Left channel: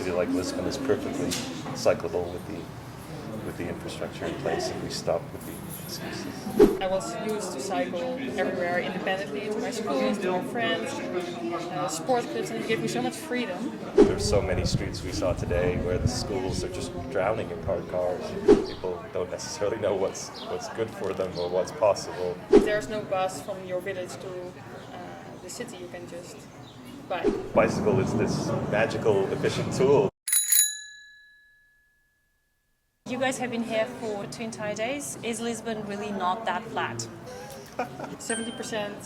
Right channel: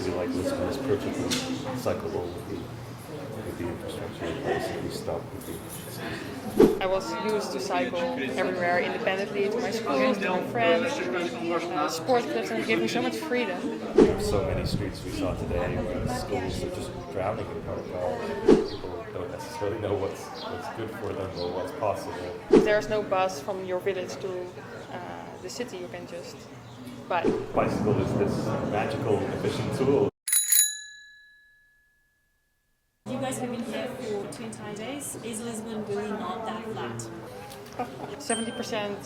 city like Lisbon is perfectly cyclable with the infrastructure in place if we stop with the excuses. I was used to cycle everywhere independently, to my schools, to my friends, to sport clubs, and it gave me so much freedom. There's so many streets we saw today where the schools are just drowning in parked cars. People don't necessarily know what's good for them or what's possible. If there's no bus from your village to the city, you can just bike. Bicycle is this magical, efficient tool. You guys have been here for 2 entire days. Is Lisbon really not that flat? 70%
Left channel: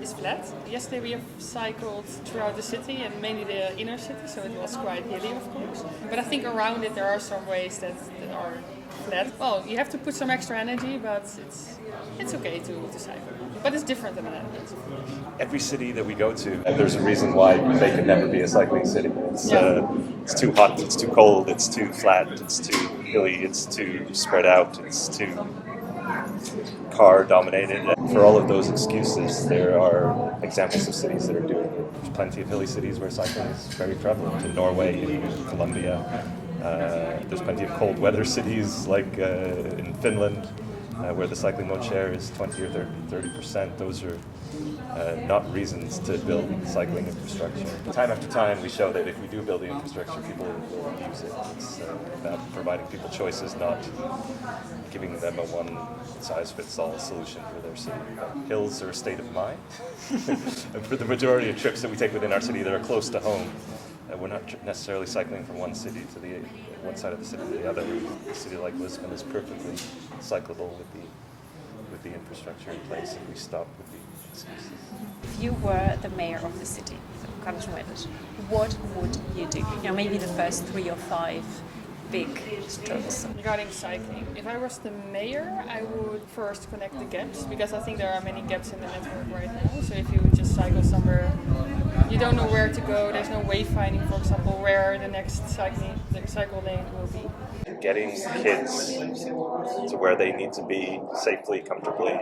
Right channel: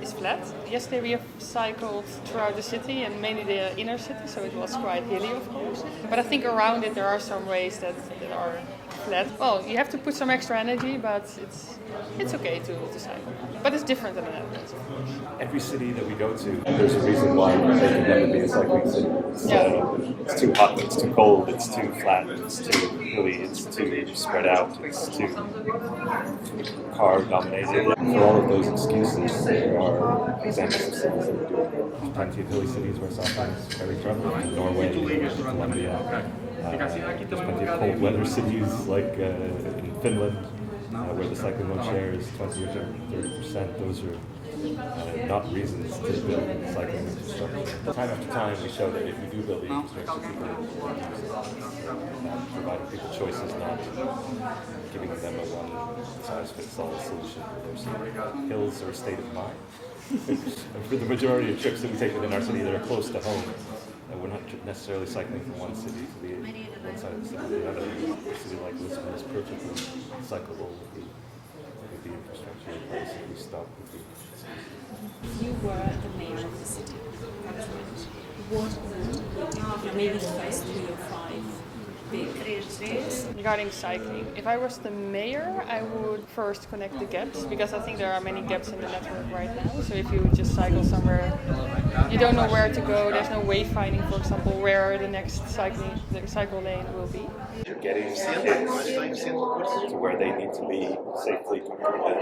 is flat. Yesterday we have cycled throughout the city and mainly the inner city, so it was quite hilly, of course. But I think around it there are some ways that are flat. Well, you have to put some extra energy, but it's okay to cycle. But it's different than the Netherlands, of course. Every city that we go to, there's a reason why they can never be a cycling city. It's too hot, it's too cold, it's too flat, it's too hilly, it's too spread out, it's too car dominated. For all of those excuses, there are examples of cities that are doing it. There's plenty of hilly cities where cycling is very prevalent. In Norway, in Colombia, there's plenty of cold weather cities like in Finland, where the cycling mode share is 20 or 30%. Those are not reasons to build cycling infrastructure. Time after time, we show that if we do build the infrastructure, people will use it. It's about providing people choices, not giving them a one-size-fits-all solution for their city. Hills are a state of mind. And for the majority of trips that we take within our city that are close to home, we're not necessarily cycling from one city to one side of the city to the other. A city like Lisbon is perfectly cyclable with the infrastructure in place if we stop with the excuses. If you were the mayor of the city, what would you do? Maybe the first 3 or 5 big streets. Regarding cycling, if I was the mayor, I would first connect the gaps, because I think there are many gaps in the network right now. So if you just cycle somewhere, you don't know where to go, there's no wayfinding, for example, where the next cycle lane will be. Getting kids to where they need to be safely, comfortably,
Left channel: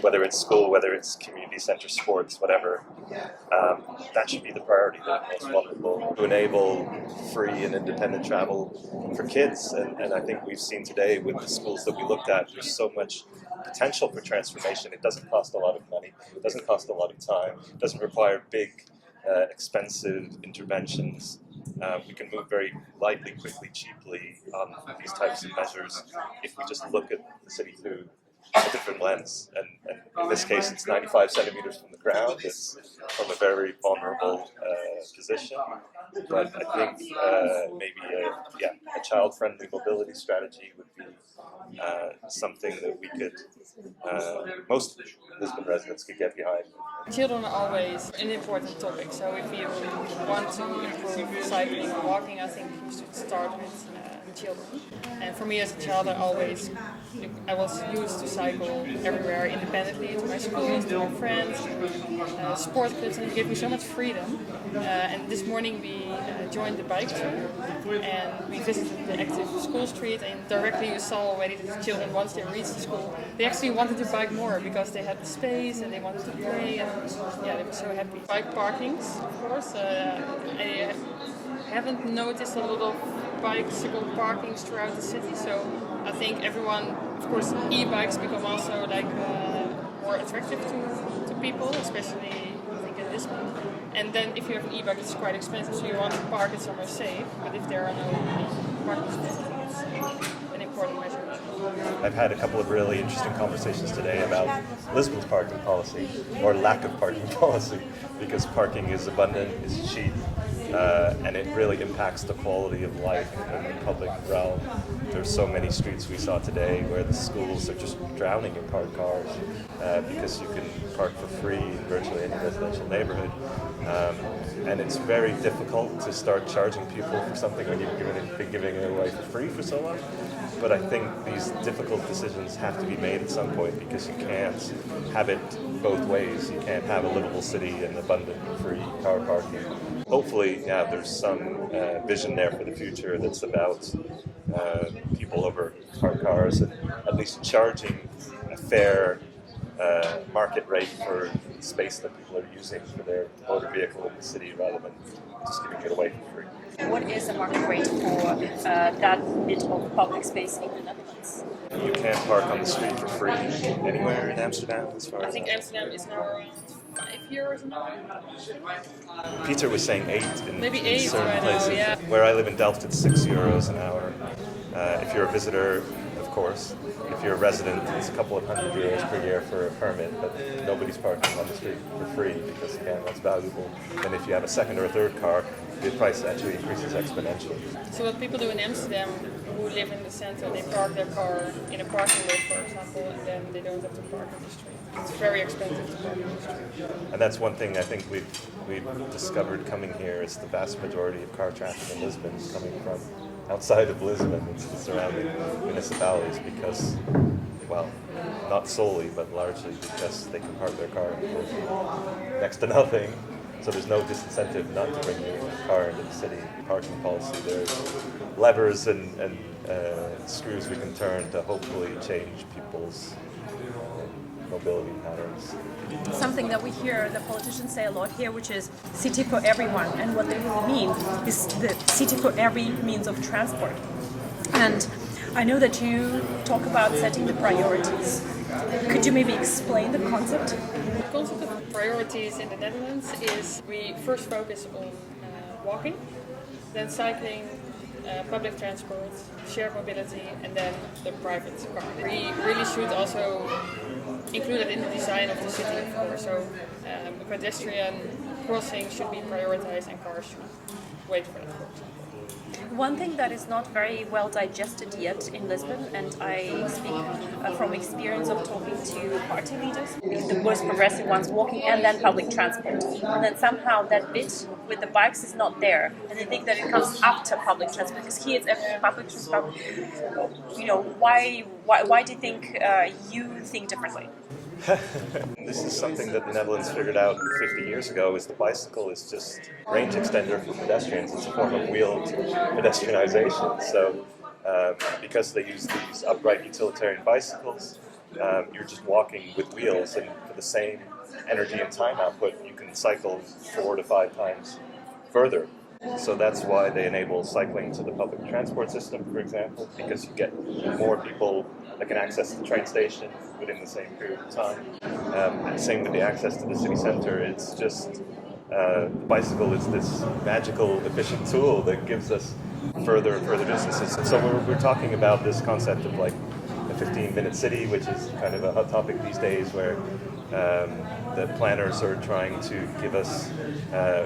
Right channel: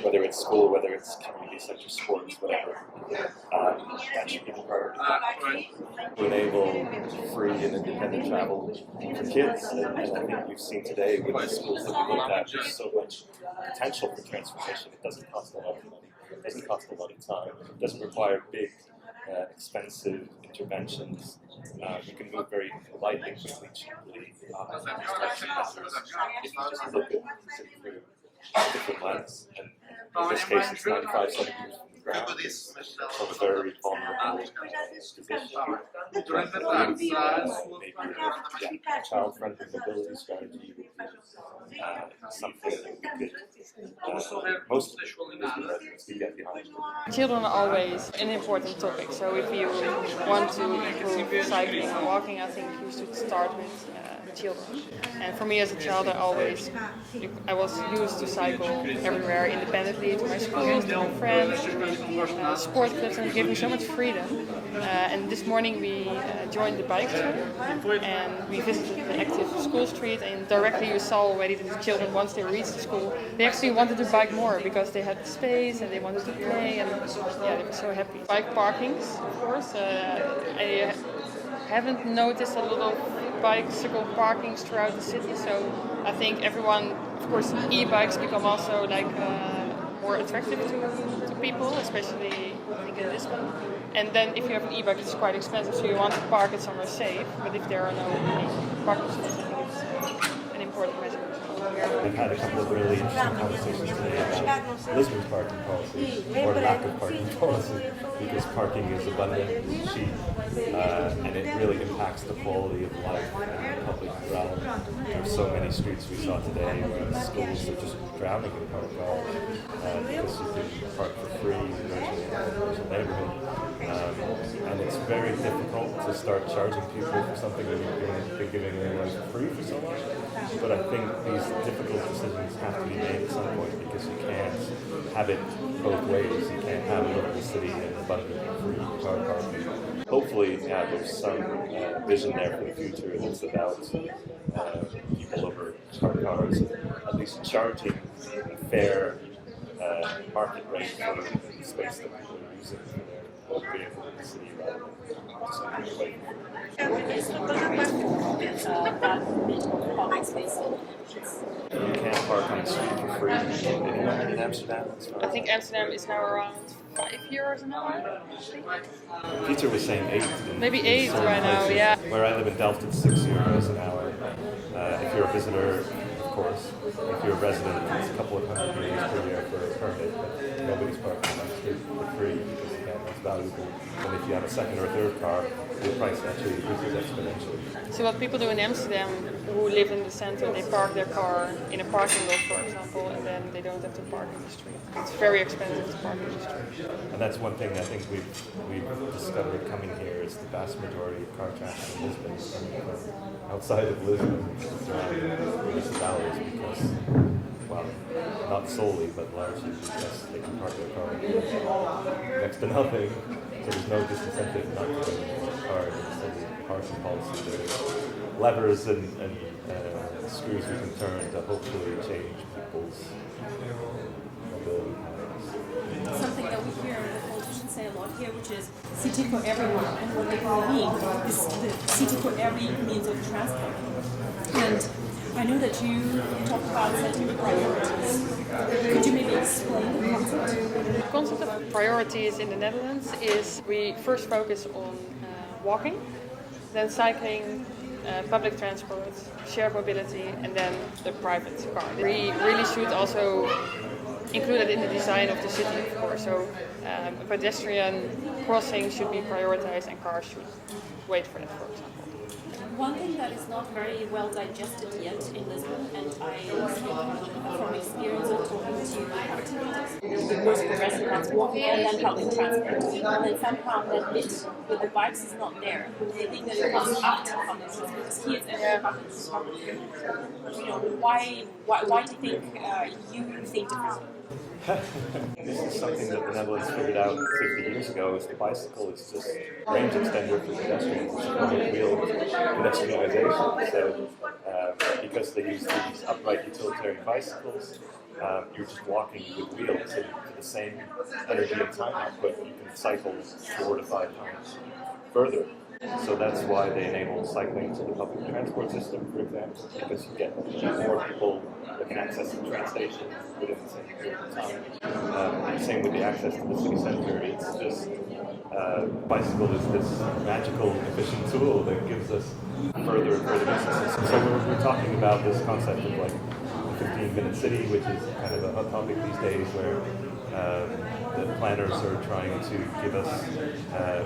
whether it's school, whether it's community center, sports, whatever, that should be the priority, the most vulnerable. To enable free and independent travel for kids, and I think we've seen today with the schools that we looked at, there's so much potential for transformation. It doesn't cost a lot of money, it doesn't cost a lot of time, it doesn't require big, expensive interventions. We can move very lightly, quickly, cheaply on these types of measures if we just look at the city through a different lens. And in this case, it's 95 centimeters from the ground. It's from a very vulnerable position. But I think maybe a child-friendly mobility strategy would be something that we could, most Lisbon residents could get behind. Children are always an important topic, so if you want to improve cycling or walking, I think you should start with children. And for me as a child, I was used to cycle everywhere independently, to my schools, to my friends, to sport clubs, and it gave me so much freedom. And this morning we joined the bike trail and we visited the active school street, and directly you saw already that the children, once they reached the school, they actually wanted to bike more because they had the space and they wanted to play, and they were so happy. Bike parkings, of course. I haven't noticed a lot of bicycle parkings throughout the city, so I think everyone, of course, e-bikes become also more attractive to people, especially I think in Lisbon. And then if you have an e-bike, it's quite expensive, so you want to park it somewhere safe. But if there are no parking spots, I think it's an important measure as well. I've had a couple of really interesting conversations today about Lisbon's parking policy, or lack of parking policy, because parking is abundant, it's cheap, and it really impacts the quality of life in the public realm. There's so many streets we saw today where the schools are just drowning in parked cars because you can park for free in virtually any residential neighborhood. And it's very difficult to start charging people for something when you've been giving it away for free for so long. But I think these difficult decisions have to be made at some point, because you can't have it both ways. You can't have a livable city and abundant free car parking. Hopefully, there's some vision there for the future that's about people over parked cars, and at least charging a fair market rate for the space that people are using for their motor vehicle in the city rather than just giving it away for free. What is the market rate for that bit of public space in the Netherlands? You can't park on the street for free anywhere in Amsterdam, as far I as think Amsterdam is now around €5 an hour, I think. Peter was saying 8 in, Maybe in 8 certain right now, places. yeah. Where I live in Delft, it's €6 an hour. If you're a visitor, of course. If you're a resident, it's a couple of €100 per year for a permit, but nobody's parking on the street for free because, again, that's valuable. And if you have a second or a third car, the price actually increases exponentially. So what people do in Amsterdam who live in the center, they park their car in a parking lot, for example, and then they don't have to park in the street. It's very expensive to park in the street. And that's one thing I think we've discovered coming here is the vast majority of car traffic in Lisbon is coming from outside of Lisbon. It's the surrounding municipalities because, well, not solely, but largely because they can park their car for next to nothing. So there's no disincentive not to bring your car into the city. Parking policy, there's levers and screws we can turn to hopefully change people's mobility patterns. Something that we hear the politicians say a lot here, which is city for everyone. And what they really mean is the city for every means of transport. And I know that you talk about setting the priorities. Could you maybe explain the concept? The concept of priorities in the Netherlands is we first focus on walking, then cycling, public transport, shared mobility, and then the private car. We really should also include it in the design of the city, of course. So a pedestrian crossing should be prioritized and cars should wait for it, for example. One thing that is not very well digested yet in Lisbon, and I speak from experience of talking to party leaders, the most progressive ones walking and then public transport. And then somehow that bit with the bikes is not there. And I think that it comes after public transport, because here it's every public transport. You know, why do you think you think differently? This is something that the Netherlands figured out 50 years ago, is the bicycle is just range extender for pedestrians. It's a form of wheeled pedestrianization. So because they use these upright utilitarian bicycles, you're just walking with wheels, and for the same energy and time output, you can cycle 4 to 5 times further. So that's why they enable cycling to the public transport system, for example, because you get more people that can access the train station within the same period of time. Same with the access to the city center. It's just the bicycle is this magical, efficient tool that gives us further and further distances. So we're talking about this concept of like a 15-minute city, which is kind of a hot topic these days, where the planners are trying to give us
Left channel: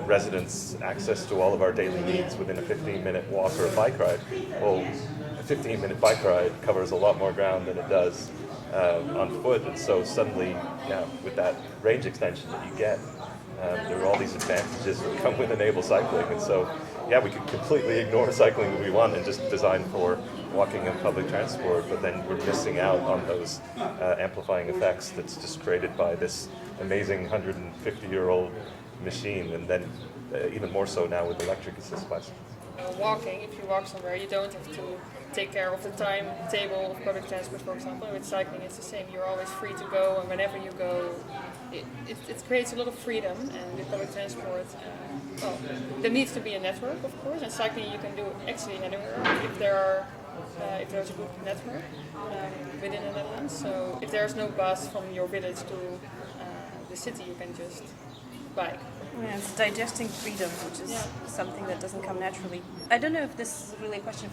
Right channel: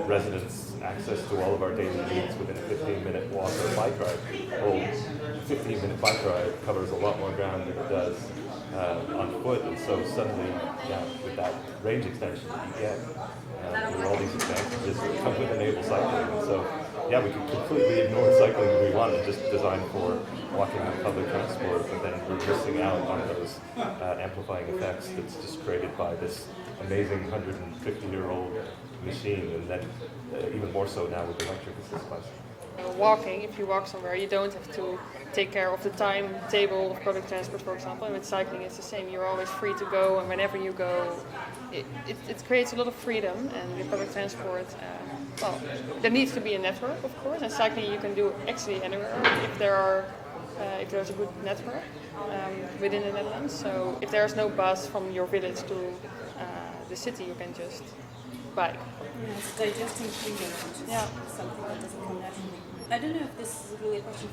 residents access to all of our daily needs within a 15-minute walk or bike ride. Well, a 15-minute bike ride covers a lot more ground than it does on foot, and so suddenly, with that range extension that you get, there are all these advantages that come with enable cycling, and so we could completely ignore cycling if we want and just design for walking and public transport, but then we're missing out on those amplifying effects that's just created by this amazing 150-year-old machine, and then even more so now with electric assist bicycles. Walking, if you walk somewhere, you don't have to take care of the timetable of public transport, for example. And with cycling, it's the same. You're always free to go, and whenever you go, it creates a lot of freedom. And with public transport, there needs to be a network, of course. And cycling, you can do actually anywhere if there's a good network within the Netherlands. So if there's no bus from your village to the city, you can just bike. Yeah, it's digesting freedom, which is something that doesn't come naturally. I don't know if this is really a question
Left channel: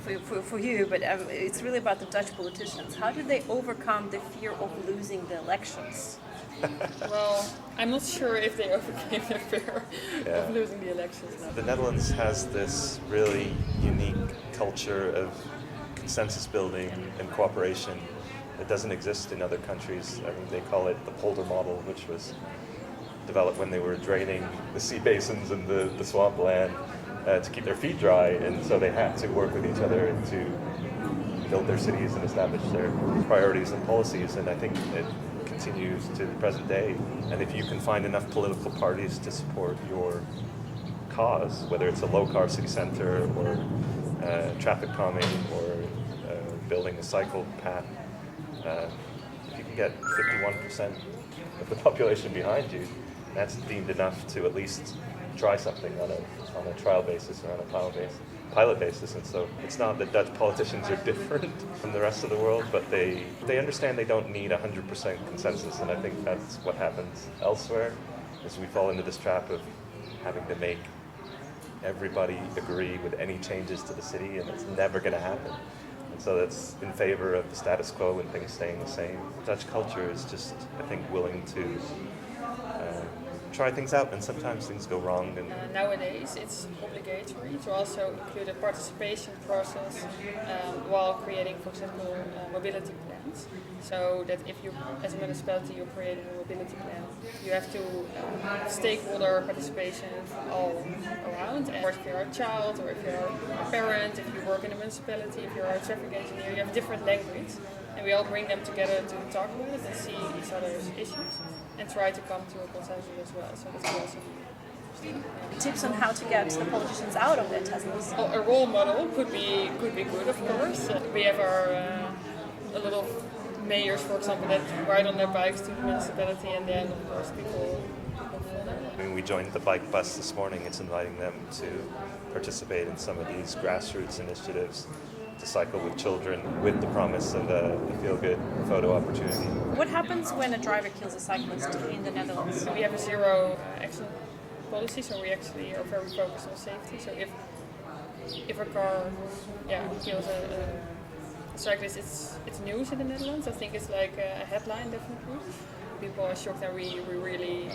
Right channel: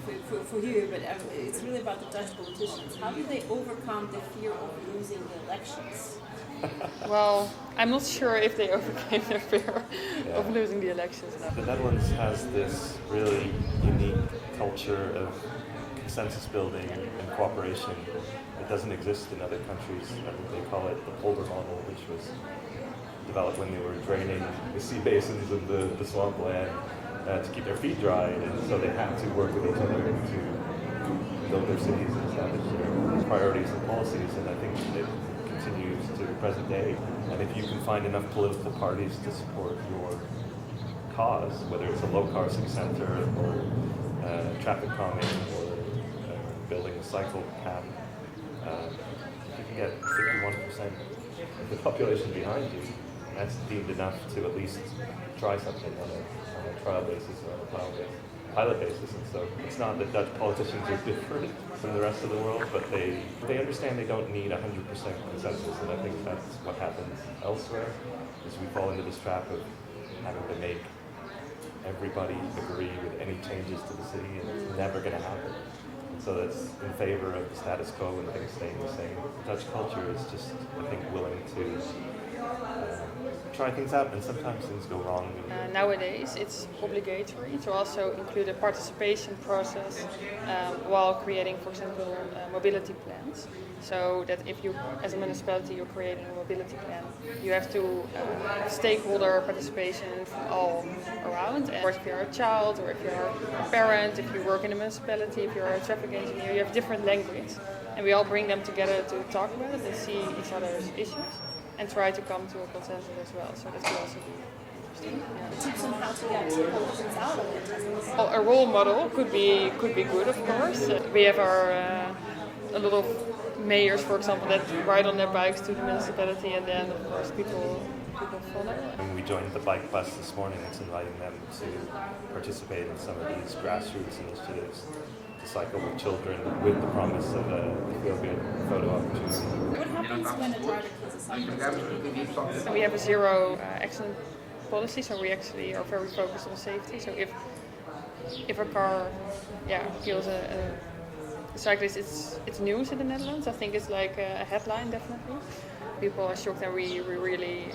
for you, but it's really about the Dutch politicians. How did they overcome the fear of losing the elections? Well, I'm not sure if they overcame their fear of losing the elections. No. The Netherlands has this really unique culture of consensus building and cooperation that doesn't exist in other countries. I mean, they call it the polder model, which was developed when they were draining the sea basins and the swampland to keep their feet dry, and so they had to work with each other to build their cities and establish their priorities and policies, and I think it continues to the present day. And if you can find enough political parties to support your cause, whether it's a low-car city center or traffic calming or building a cycle path, if you can get 51% of the population behind you. And that's deemed enough to at least try something on a trial basis or on a pilot basis. And so it's not that Dutch politicians are different from the rest of the world, but they understand they don't need 100% consensus. And I think that's what happens elsewhere, is we fall into this trap of having to make everybody agree with any changes to the city, and it's never going to happen. And so that's in favor of the status quo and things staying the same. Dutch culture is just, I think, willing to try things out, and sometimes things go wrong. And nowadays, it's obligatory to also include a participation process while creating, for example, mobility plans. So that if you, as a municipality, you're creating a mobility plan, you have to have stakeholder participation from all around. And if you're a child, or if you're a parent, if you work in a municipality, if you're a traffic engineer, you have different language, and we all bring them together to talk about it and see each other's issues, and try to come to a consensus as well. So that could also be interesting. Yeah. Tips on how to get the politicians out of their Teslas? Well, a role model could be good, of course. We have a lot of mayors, for example, that ride on their bikes to the municipality, and then of course people follow. I mean, we joined the bike bus this morning. It's inviting them to participate in some of these grassroots initiatives, to cycle with children, with the promise of a feel-good photo opportunity. What happens when a driver kills a cyclist in the Netherlands? We have a zero accident policy, so we actually are very focused on safety. So if a car kills a cyclist, it's news in the Netherlands. I think it's like a headline, definitely. People are shocked, and we really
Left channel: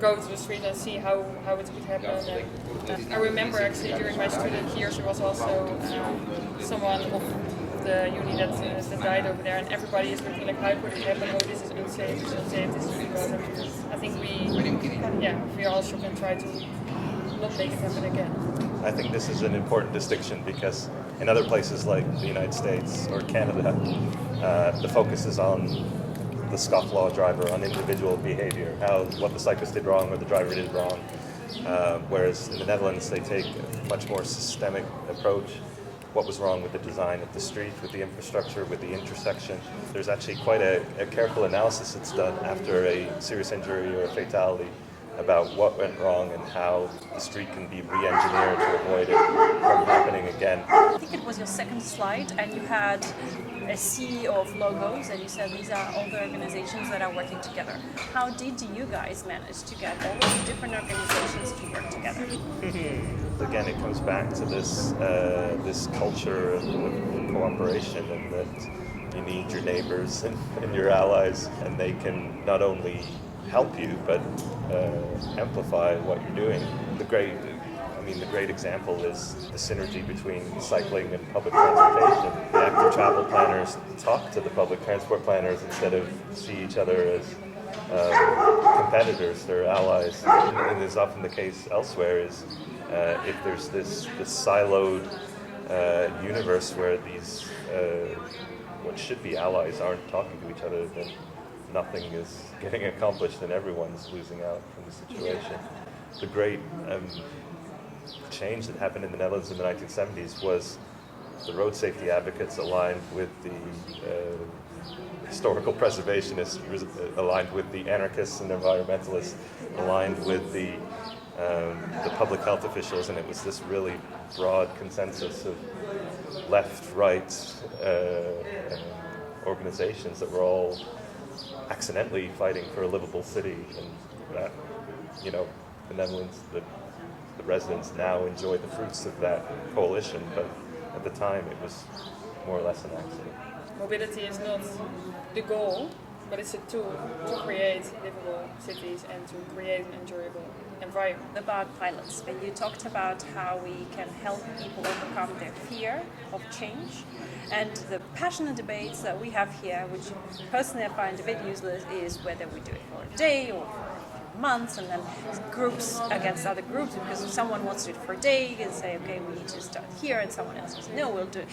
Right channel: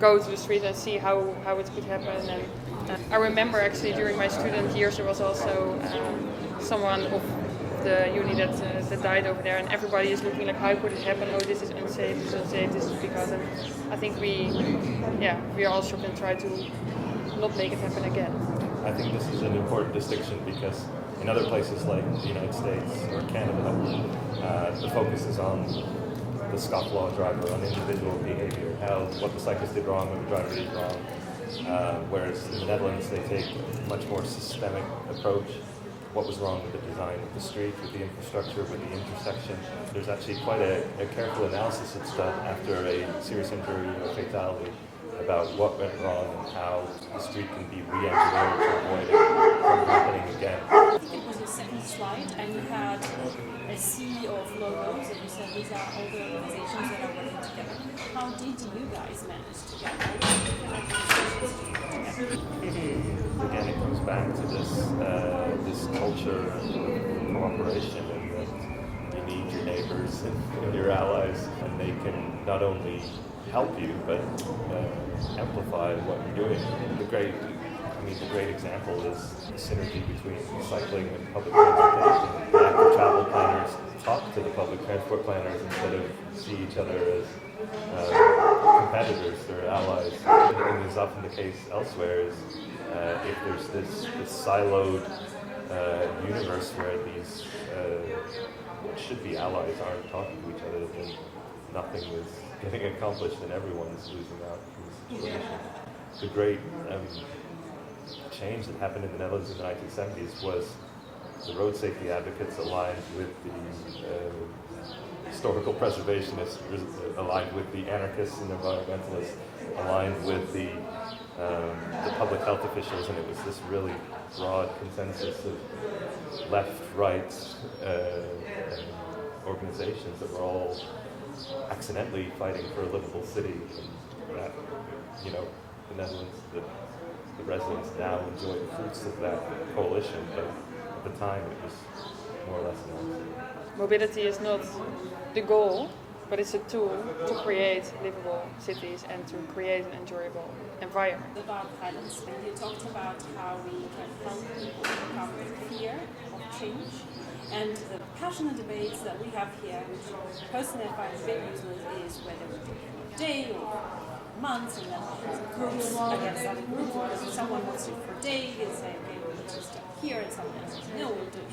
go to the street and see how it could happen. And I remember actually during my student years, there was also someone of the uni that died over there, and everybody is looking like, how could it happen? Oh, this is unsafe, this is because. And I think we are all shocked and try to not make it happen again. I think this is an important distinction, because in other places like the United States or Canada, the focus is on the scofflaw driver, on individual behavior, what the cyclist did wrong or the driver did wrong. Whereas in the Netherlands, they take a much more systemic approach. What was wrong with the design of the street, with the infrastructure, with the intersection? There's actually quite a careful analysis that's done after a serious injury or a fatality about what went wrong and how the street can be re-engineered to avoid it from happening again. I think it was your second slide, and you had a sea of logos, and you said these are all the organizations that are working together. How did you guys manage to get all those different organizations to work together? Again, it comes back to this culture of cooperation, and that you need your neighbors and your allies, and they can not only help you, but amplify what you're doing. The great example is the synergy between cycling and public transportation. The active travel planners talk to the public transport planners instead of see each other as competitors. They're allies. And it's often the case elsewhere is if there's this siloed universe where these what should be allies aren't talking to each other, then nothing is getting accomplished and everyone's losing out from the situation. The great change that happened in the Netherlands in the 1970s was the road safety advocates aligned with the historical preservationists, aligned with the anarchists and environmentalists, aligned with the public health officials, and it was this really broad consensus of left, right organizations that were all accidentally fighting for a livable city, and that, the Netherlands, the residents now enjoy the fruits of that coalition, but at the time it was more or less an accident. Mobility is not the goal, but it's a tool to create livable cities and to create an enjoyable environment. About pilots, when you talked about how we can help people overcome their fear of change, and the passionate debates that we have here, which personally I find a bit useless, is whether we do it for a day or months, and then groups against other groups, because if someone wants to do it for a day and say, okay, we need to start here, and someone else says, no, we'll do it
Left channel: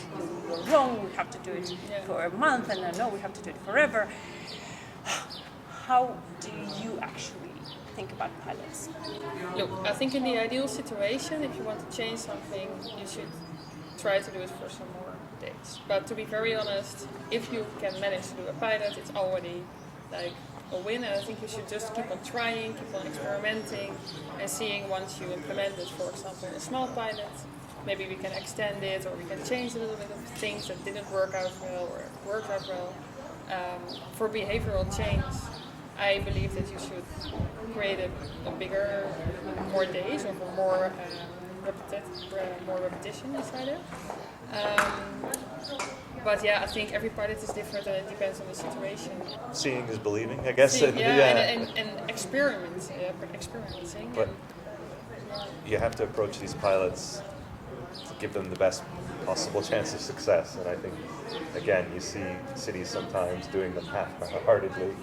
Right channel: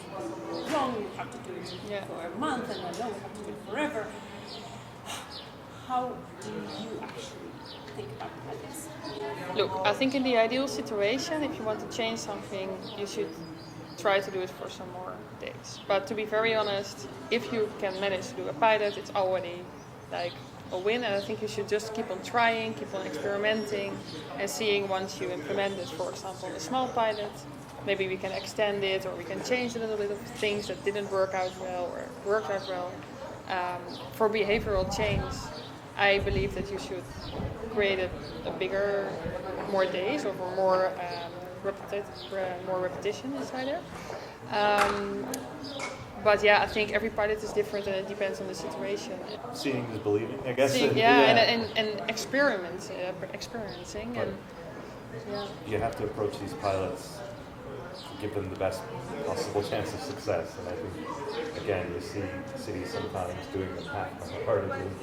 wrong, we have to do it for a month, and then no, we have to do it forever. How do you actually think about pilots? Look, I think in the ideal situation, if you want to change something, you should try to do it for some more days. But to be very honest, if you can manage to do a pilot, it's already like a win, and I think you should just keep on trying, keep on experimenting, and seeing once you implement it, for example, a small pilot, maybe we can extend it or we can change a little bit of things that didn't work out well or worked out well. For behavioral change, I believe that you should create a bigger, more days or for more repetition inside there. But yeah, I think every pilot is different and it depends on the situation. Seeing is believing, I guess. And experiencing. But and yeah. you have to approach these pilots to give them the best possible chance of success. And I think, again, you see cities sometimes doing them half-heartedly,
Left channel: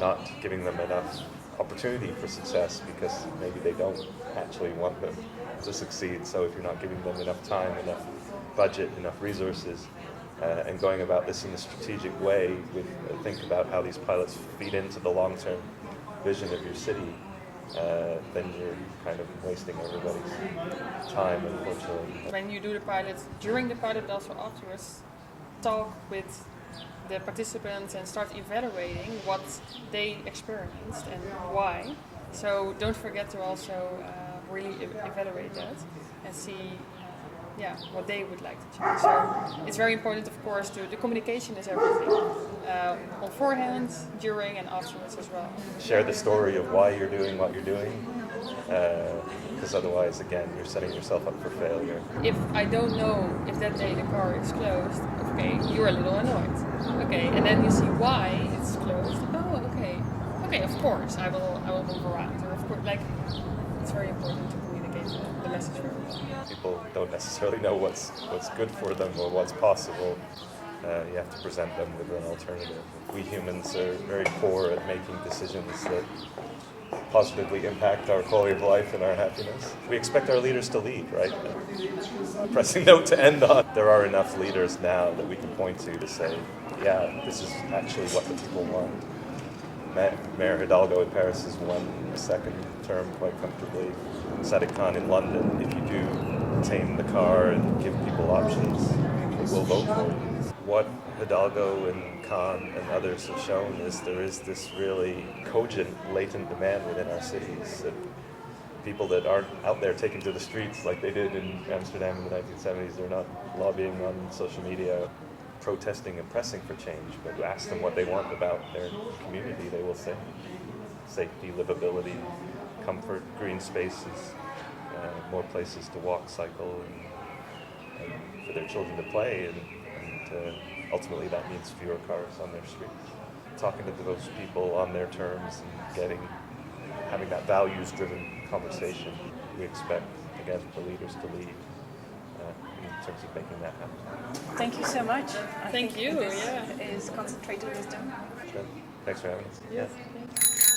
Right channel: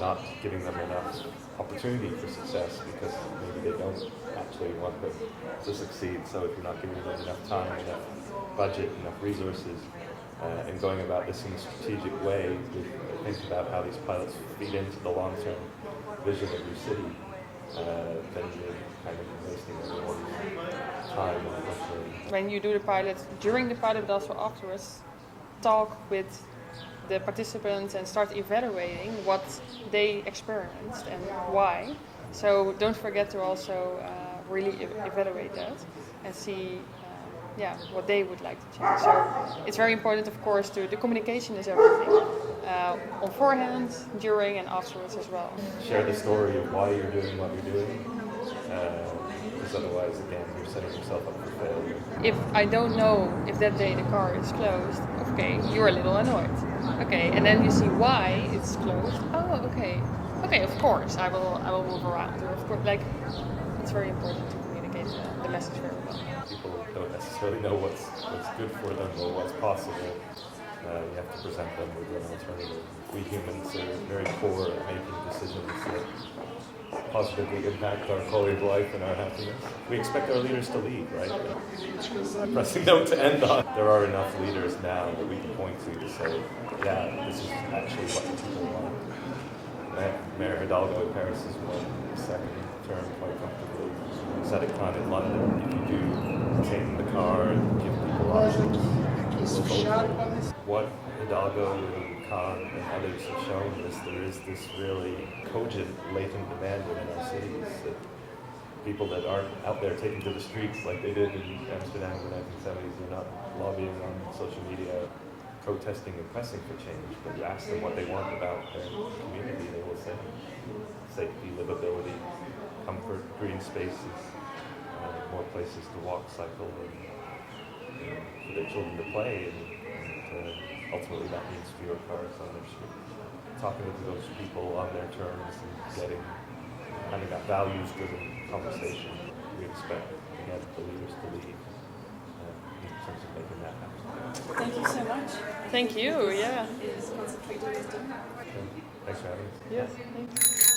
not giving them enough opportunity for success because maybe they don't actually want them to succeed. So if you're not giving them enough time, enough budget, enough resources, and going about this in a strategic way with think about how these pilots feed into the long-term vision of your city, then you're kind of wasting everybody's time, unfortunately. When you do the pilot, during the pilot but also afterwards, talk with the participants and start evaluating what they experienced and why. So don't forget to also really evaluate that and see what they would like to change. So it's very important, of course, the communication is everything. On forehand, during and afterwards as well. Share the story of why you're doing what you're doing, because otherwise, again, you're setting yourself up for failure. If I don't know if that day the car is closed, okay, you're a little annoyed. Okay, and then you see why it's closed. Oh, okay. Okay, of course, I will move around. Or of course, like, it's very important to communicate the message very well. People don't necessarily know what's good for them or what's possible. You have to present them with an alternative. We humans are very poor at making decisions that positively impact our quality of life and our happiness. We expect our leaders to lead, right? A pressing note to end on. There are enough leaders now that we can point to say, yeah, this is actually what the people want. Mayor Hidalgo in Paris has won a second term quite comfortably. Sadiq Khan in London, if you do tame the car and give people options, they will vote for you. What Hidalgo and Khan and others have shown is there is this really cogent, latent demand within our cities that people that aren't out there taking to the streets like they did in Amsterdam in the 1970s, they're not lobbying on social media, protesting and pressing for change, but you ask them what they want about their community, they will say safety, livability, comfort, green spaces, more places to walk, cycle, and for their children to play, and ultimately that means fewer cars on their streets. Talking to those people on their terms and having that values-driven conversation, we expect, again, the leaders to lead in terms of making that happen. Thank you so much. Thank you, Is concentrated wisdom. Sure. Thanks for having us. Yes, thanks.